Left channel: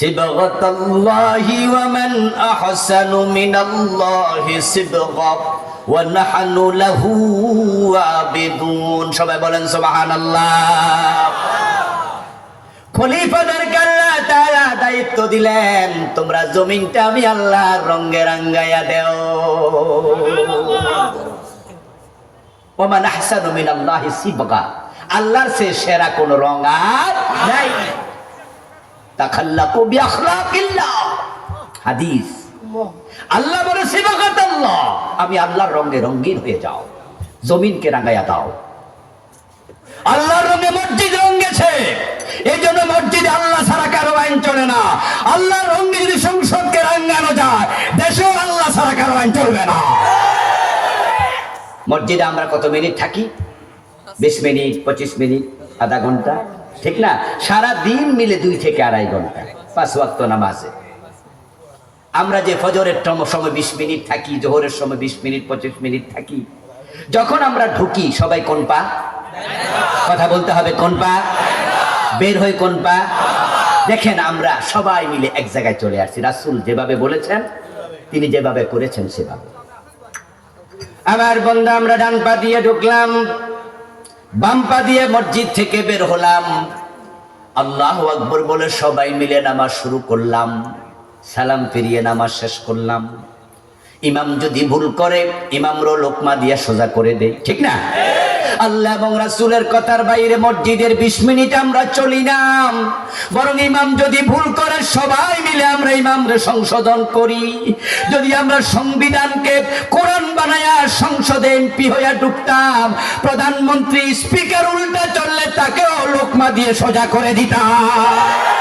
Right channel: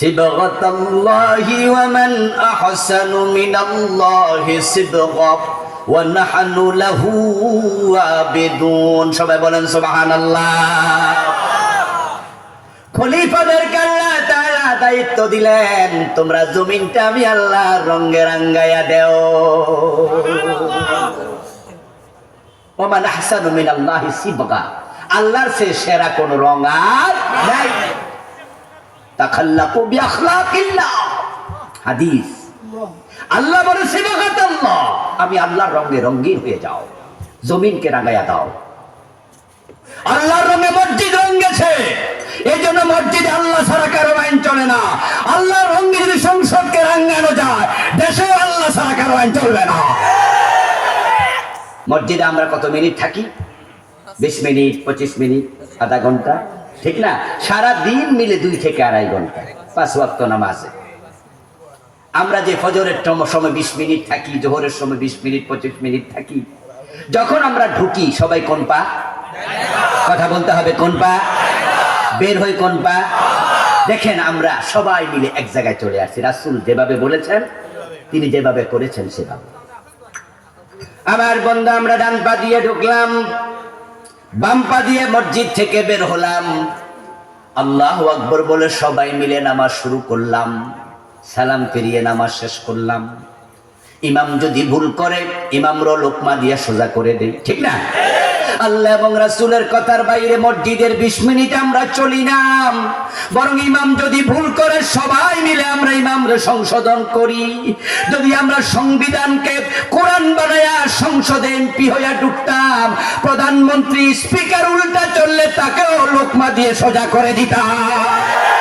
সিবগাতাল্লাহি ওয়া মান আহসানু মিনাল্লাহি সিবগা ওয়া নাহনু লাহু আবিদুন। সবাই বলেন সুবহানাল্লাহ। খলিফাদেরকে আল্লাহ তাআলা দায়িত্ব দিলেন, তোমরা জমিনটা আমি আল্লাহর রঙে রাঙ্গায়া দেও। ওয়া মান আহসানু মিনাল্লাহি সিবগা, আল্লাহর চেয়ে সেরা কোন রং আর নাই। তাখাল্লাকু বিআখলাকিল্লাহ, হাদিস। আল্লাহ বলে সিবগাতাল্লাহ, আমি আল্লাহর রঙে রঙিন হয়ে যাও, জমিনকে রাঙায়া দাও। আল্লাহর রঙে মসজিদ রঙেছে, এই জন্য মসজিদে আল্লাহ ছাড়া কারো আইন চলে না। আল্লাহর রঙে যদি সংসদকে রাঙানো যায়, দেশেও আল্লাহ ছাড়া কারো আইন চলবে না। মসজিদে আমরা কত মিনিট থাকি? 20 মিনিট, 25 মিনিট, আধা ঘন্টা, ঠিক না? সারা দিন মিলে 2 থেকে আড়াই ঘন্টা 5 ওয়াক্ত নামাজে। আমরা যে ফজরের সময় 20 মিনিট থাকি, জোহরের সময় 20 মিনিট 25 মিনিট থাকি, যখন আমরা ঢুকি সবাই কোন পা? কথা বলতে হবে, কোন পা? বের হই কোন পা? দেখেন আমরা সবাই মিলে এক জায়গায় চলে আসছি। রাসূল যেভাবে বলেছেন, তিনি যেভাবে করেছেন সেভাবে। আমার বন্ধু, আমরা ডান পা দিয়ে ঢুকলাম, বাম পা দিয়ে মসজিদ থেকে বের হলাম, আল্লাহু আকবার বলে সবাই মিলে নামাজ শুরু করলাম, সালাম ফিরিয়ে নামাজ শেষ করলাম। ইমাম যদি ভুল করে, ইমামরও লোকমা দিয়ে সোজা করে দেয়, ঠিক না? আল্লাহ এবং রাসূলের কথার বাইরে মসজিদের 20 মিনিট আমরা চলি না, বরং ইমাম যদি ভুল করে সবাই মিলে আমরা ইমামরে সংশোধন করি। যদি আমরা সংবিধানকে কোরআন বানায়া সংসদে এমপি হইয়া ঢুকতাম, প্রধানমন্ত্রী স্পিকার উল্টা চললে তাকেও লোকমা দিয়ে সোজা করে দিতাম।